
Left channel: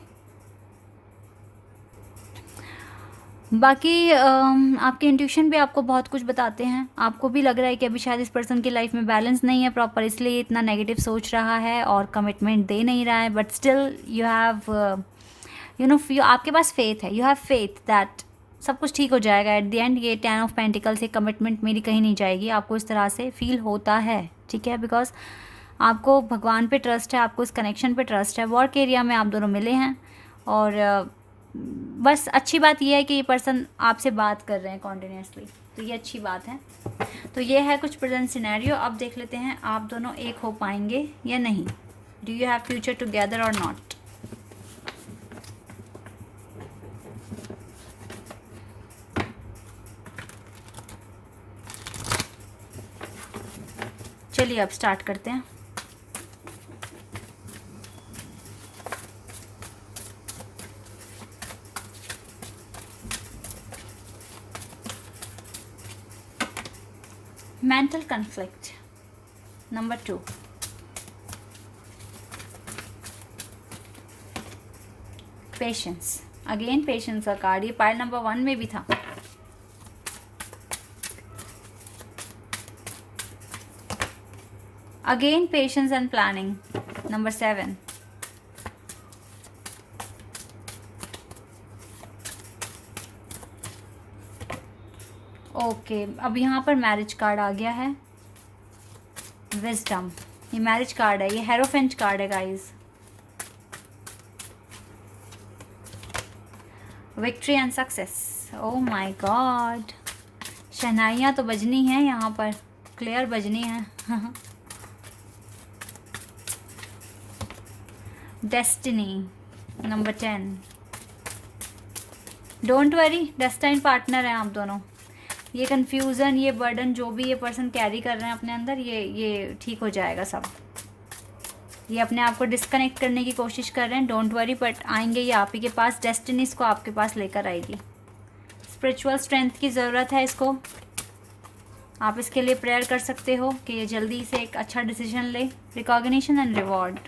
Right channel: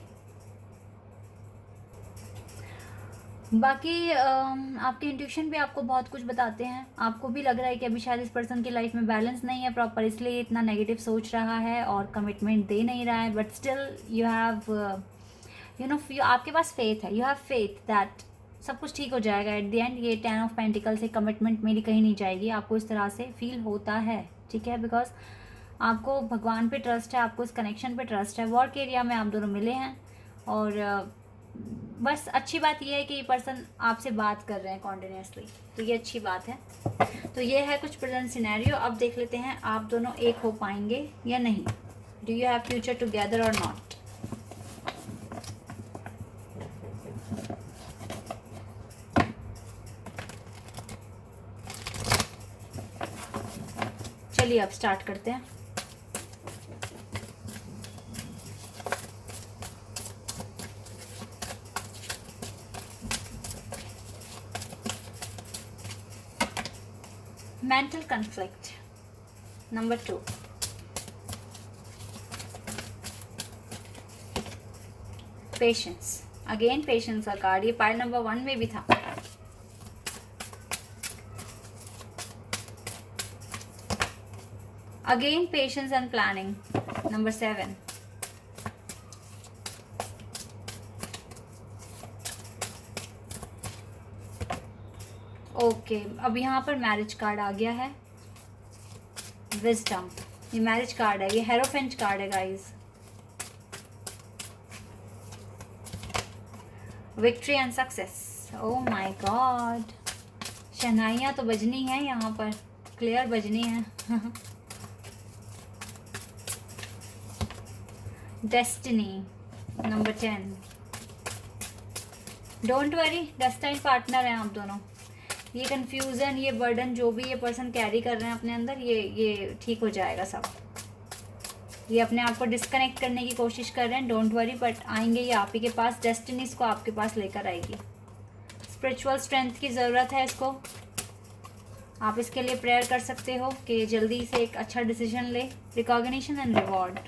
बाकी आपके इंट्यूशन भी आपको बहुत कुछ बताते हैं। आपको भी लग रहा है कि अभी शायद इस पर्सन की लाइफ में बैलेंस नहीं है प्रॉपर, इसलिए इतना नेगेटिव सोच रहा है और कमिटमेंट दे नहीं रहा है। But still you have you know, आपके पास फेथ है, यू हैव फेथ दैट सब कुछ ठीक हो जाएगा एट द एंड। ये 10 ऑफ पेंटिकल से कमिटमेंट मेरी कहीं नहीं जाएगी, आपको इस तरह से फील होता है, ठीक है, बिकॉज आपको भगवान पे ट्रस्ट है, आपको इस कनेक्शन पे ट्रस्ट है। वर्क एरिया में आप दोनों मिले हैं और बस अच्छी बात यह है कि ये पर्सन आपसे बात कर रहे हैं कॉन्टिन्यूसली, तो ये अच्छी बात है। तो ये है कुछ प्रेजेंट सिनेरियो। अब देख लेते हैं आप दोनों एक हो पाएंगे या नहीं। Do you have future together और नॉट। चलिए अब स्टार्ट करते हैं। Mental conflict number 2, patience. Again patience का कार्ड, ये पाइल नंबर 1 में भी था। Again patience and planning number 7। Okay, अब यहाँ पर मैरिज कार्ड आ गया है, विजडम। ये मैरिज कार्ड है, ये हेरोफेंट कार्ड है guys. Victory and success. Oh my god, शहनाइयाँ तो बजनी है यहाँ पर, क्लियर बजनी है। Destiny number 10। Don't worry, destine partner हैं आप दोनों। ये कन्फ्यूज़न, ये बर्डन जो भी ये पर्सन कैरी कर रहे हैं अपने अंदर, ये ठीक हो जाएगा सब। ये अपने आप को डिस्कनेक्ट करने की कोशिश कर रहे हैं, डोंट वरी, बट आएंगे ये आप ही के पास, डेस्टिनीज को आपके पास लेकर आएगी। स्पिरिचुअल स्ट्रेंथ की ज़रूरत है इसको, आप इसके लिए प्रेयर कर सकते हो कि ये जल्दी से एक अच्छा डिसीजन ले। रिकॉग्निशन एंड रिवॉर्ड,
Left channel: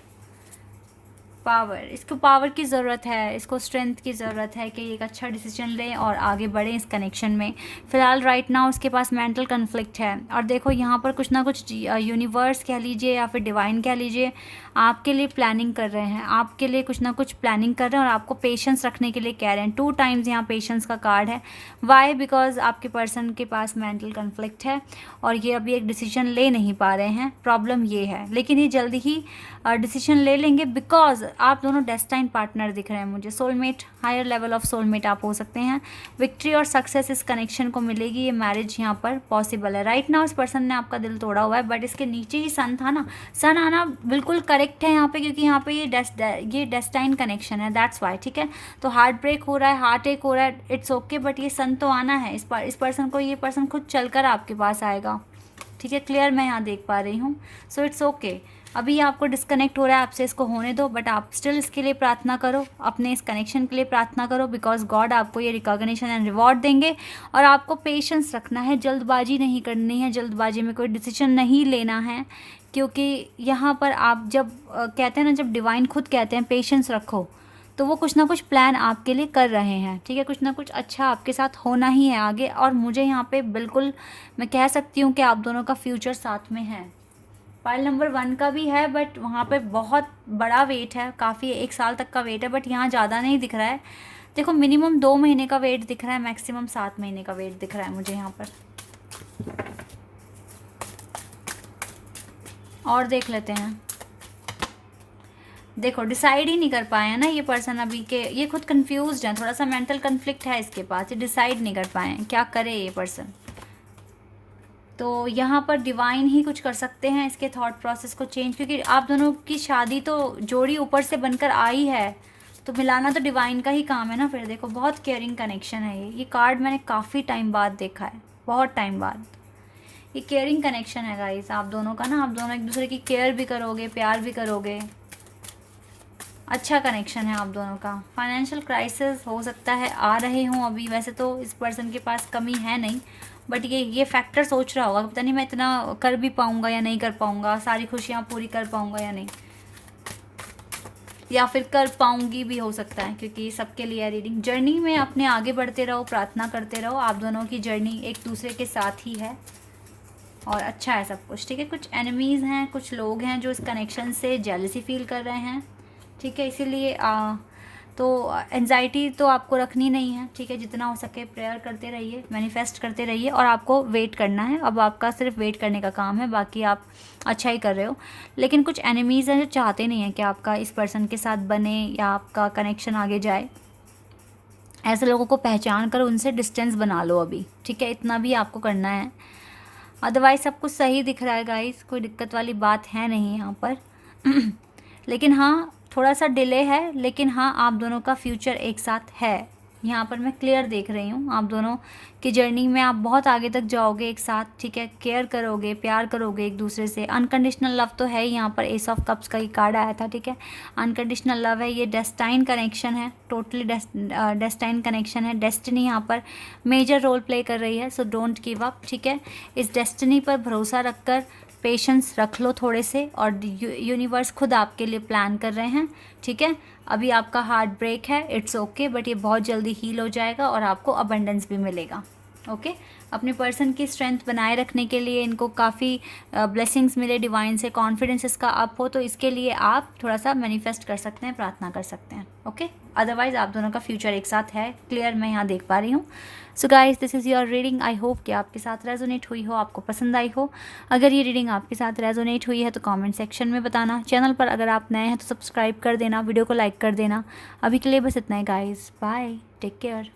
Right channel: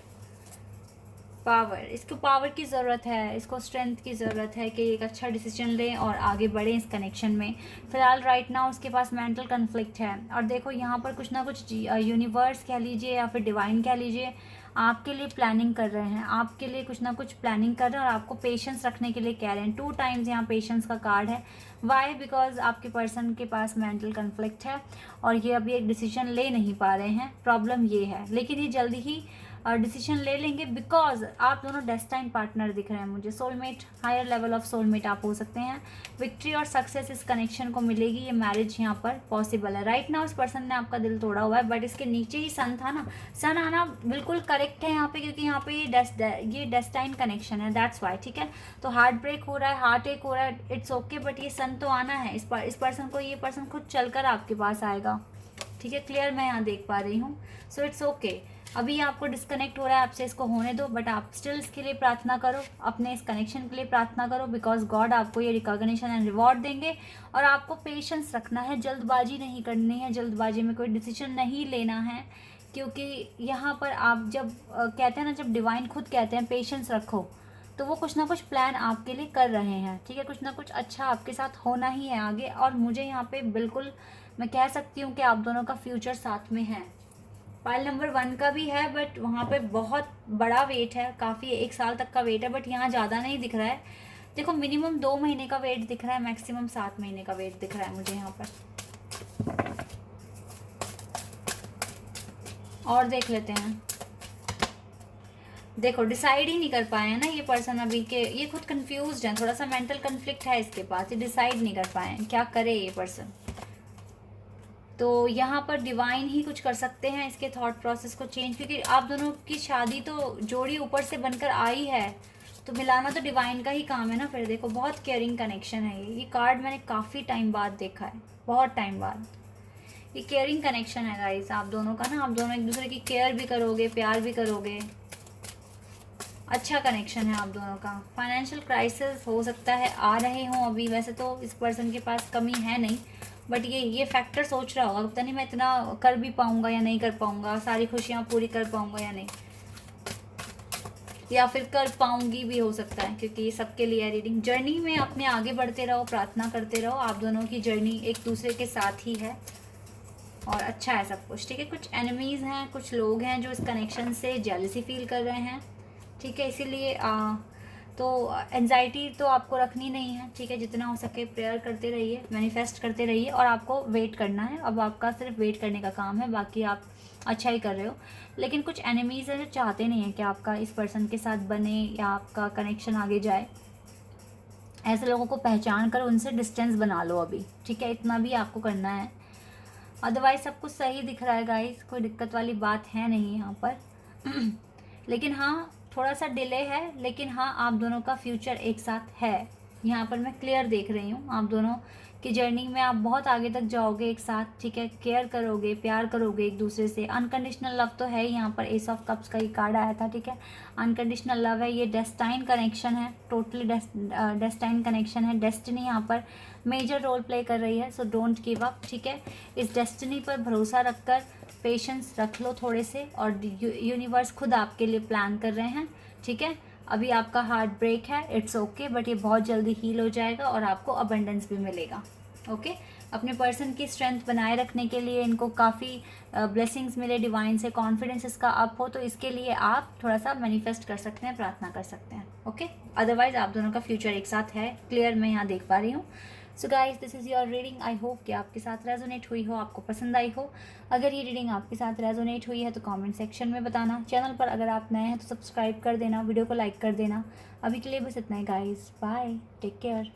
पावर, इसको पावर की ज़रूरत है, इसको स्ट्रेंथ की ज़रूरत है कि एक अच्छा डिसीजन लें और आगे बढ़ें इस कनेक्शन में। फ़िलहाल राइट नाउ उसके पास मेंटल कन्फ्लिक्ट है। और देखो यहाँ पर कुछ ना कुछ यूनिवर्स कह लीजिए या फिर डिवाइन कह लीजिए, आपके लिए प्लानिंग कर रहे हैं, आपके लिए कुछ ना कुछ प्लानिंग कर रहे हैं और आपको पेशेंस रखने के लिए कह रहे हैं। 2 टाइम्स यहाँ पेशेंस का कार्ड है। वाई? बिकॉज आपके पर्सन के पास मेंटल कन्फ्लिक्ट है और ये अभी एक डिसीजन ले नहीं पा रहे हैं। प्रॉब्लम ये है, लेकिन ये जल्दी ही डिसीजन ले लेंगे बिकॉज आप दोनों डेस्टाइन पार्टनर दिख रहे हैं मुझे। Soulmate, higher level of soulmate आप हो सकते हैं। विक्ट्री और सक्सेस इस कनेक्शन को मिलेगी, ये मैरिज यहाँ पर पॉसिबल है। राइट नाउ इस पर्सन ने आपका दिल तोड़ा हुआ है, बट इसके नीचे ही सन था ना, सन आना बिल्कुल करेक्ट है यहाँ पे, क्योंकि यहाँ पे ये डेस्टाइन कनेक्शन है, दैट्स वाई। ठीक है, तो हार्ट ब्रेक हो रहा है, हार्ट एक हो रहा है, इट्स ओके, बट ये सन तो आना है इस पर्सन को। ये पर्सन खुद चलकर आपके पास आएगा। ठीक है, क्लियर मैं यहाँ देख पा रही हूँ। सो इट्स ओके, अभी आपको डिस्कनेक्ट हो रहा है आपसे, इसको होने दो, बट आप स्टिल इसके लिए प्रार्थना करो, अपने इस कनेक्शन के लिए प्रार्थना करो, बिकॉज गॉड आपको ये रिकॉग्निशन एंड रिवॉर्ड देंगे। और आपको पेशेंस रखना है, जल्दबाजी नहीं करनी है, जल्दबाजी में कोई डिसीजन नहीं लेना है, क्योंकि यहाँ पर आप जब कहते हैं ना, जब डिवाइन खुद कहते हैं पेशेंस रखो, तो वो कुछ ना कुछ प्लान आपके लिए कर रहे हैं। ठीक है, कुछ ना कुछ अच्छा आपके साथ होना ही है आगे। और मुझे यहाँ पे बिल्कुल मैं कह सकती हूँ कि आप दोनों का फ्यूचर साथ में है। पाइल नंबर 1 का भी है, बट वहाँ पे बहुत बड़ा वेट है, काफ़ी 1 साल तक का वेट है, बट यहाँ ज़्यादा नहीं दिख रहा है। देखो मिनिमम 2 महीने का वेट दिख रहा है, मैक्सिमम 7 महीने का वेट दिख रहा है मुझे यहाँ पर। और देख लेते हैं। देखो डिसाइड ही नहीं कर पाए हैं ना ये पर्सन अभी के, ये खुद कंफ्यूज्ड है, थोड़ा सा मेंटल कन्फ्लिक्ट है इसके पास, ये डिसाइड नहीं कर पाए हैं क्या करे ये पर्सन। तो यहाँ पर डिवाइन ही कुछ कर सकते हैं इसके थॉट प्रोसेस को चेंज, क्योंकि आप दोनों की शादी तो जोड़ी ऊपर से बनकर आई है, तो मिलाना तो डिवाइन का ही काम है ना। फिर देखो बहुत केयरिंग कनेक्शन है ये कार्ड मैंने काफ़ी टाइम बाद देखा है, बहुत टाइम बाद। ये केयरिंग कनेक्शन है गाइस आप दोनों का ना, आप दोनों एक दूसरे की केयर भी करोगे, प्यार भी करोगे, अच्छा कनेक्शन है आप दोनों का। फाइनेंशियल क्राइसिस हो सकता है आ रहे हूँ अभी, वैसे तो इस पर्सन के पास कमी है नहीं, बट ये फैक्टर सोच रहा होगा, पता नहीं मैं इतना कर भी पाऊँगा या नहीं कर पाऊँगा, सारी खुशियाँ पूरी कर पाऊँगा या नहीं, या फिर कर पाऊँगी भी हो सकता है, क्योंकि ये सबके लिए रीडिंग। जर्नी में अपने आगे बढ़ते रहो, प्रार्थना करते रहो, आप दोनों की जर्नी एक दूसरे के साथ ही है और अच्छा है सब कुछ। ठीक है, कुछ एनिमीज़ हैं, कुछ लोग हैं जो इस कनेक्शन से जेलसी फील कर रहे हैं। ठीक है, इसीलिए तो एंजाइटी तो आपको रखनी नहीं है। ठीक है, जितना हो सके प्रेयर करते रहिए, मैनिफेस्ट करते रहिए, और आपको वेट करना है। अब आपका सिर्फ वेट करने का काम है, बाकी आप अच्छा ही कर रहे हो। लेकिन कुछ एनिमीज़ हैं जो चाहते नहीं हैं कि आपका इस पर्सन के साथ बने या आपका कनेक्शन आगे जाए। ऐसे लोगों को पहचान कर उनसे डिस्टेंस बना लो अभी। ठीक है, इतना भी आपको करना है, अदरवाइज सब कुछ सही दिख रहा है गाइस, कोई दिक्कत वाली बात है नहीं यहाँ पर। लेकिन हाँ थोड़ा सा डिले है, लेकिन हाँ आप दोनों का फ्यूचर एक साथ है, यहाँ पर मैं क्लियर देख रही हूँ। आप दोनों की जर्नी में आप बहुत आगे तक जाओगे एक साथ। ठीक है, केयर करोगे, प्यार करोगे एक दूसरे से। अनकंडीशनल लव तो है, यहाँ पर एस ऑफ कप्स का ही कार्ड आया था। ठीक है, अनकंडीशनल लव है, ये डेस्टाइन कनेक्शन है, टोटली डेस्टाइन कनेक्शन है। डेस्टिनी यहाँ पर मेजर रोल प्ले कर रही है, सो डोंट गिव अप। ठीक है, इस डेस्टिनी पर भरोसा रखकर पेशेंस रख लो थोड़े से, और यूनिवर्स खुद आपके लिए प्लान कर रहे हैं। ठीक है, अभी आपका हार्ट ब्रेक है, इट्स ओके, बट ये बहुत जल्दी हील हो जाएगा और आपको अबंडेंस भी मिलेगा। ओके, अपने पर्सन की स्ट्रेंथ बनाए रखने के लिए इनको काफ़ी ब्लेसिंग्स मिले डिवाइन से, कॉन्फिडेंस इसका अप हो, तो इसके लिए आप थोड़ा सा मैनिफेस्ट कर सकते हैं, प्रार्थना कर सकते हैं। ओके, अदरवाइज आप दोनों का फ्यूचर एक साथ है, क्लियर मैं यहाँ देख पा रही हूँ। So guys this is your reading, I hope कि आपके साथ रेजोनेट हुई हो, आपको पसंद आई हो। अगर ये रीडिंग आपके साथ रेजोनेट हुई है तो कमेंट सेक्शन में बताना। चैनल पर अगर आप नए हैं तो सब्सक्राइब कर देना, वीडियो को लाइक कर देना। अभी के लिए बस इतना ही गाइस, बाय, टेक केयर।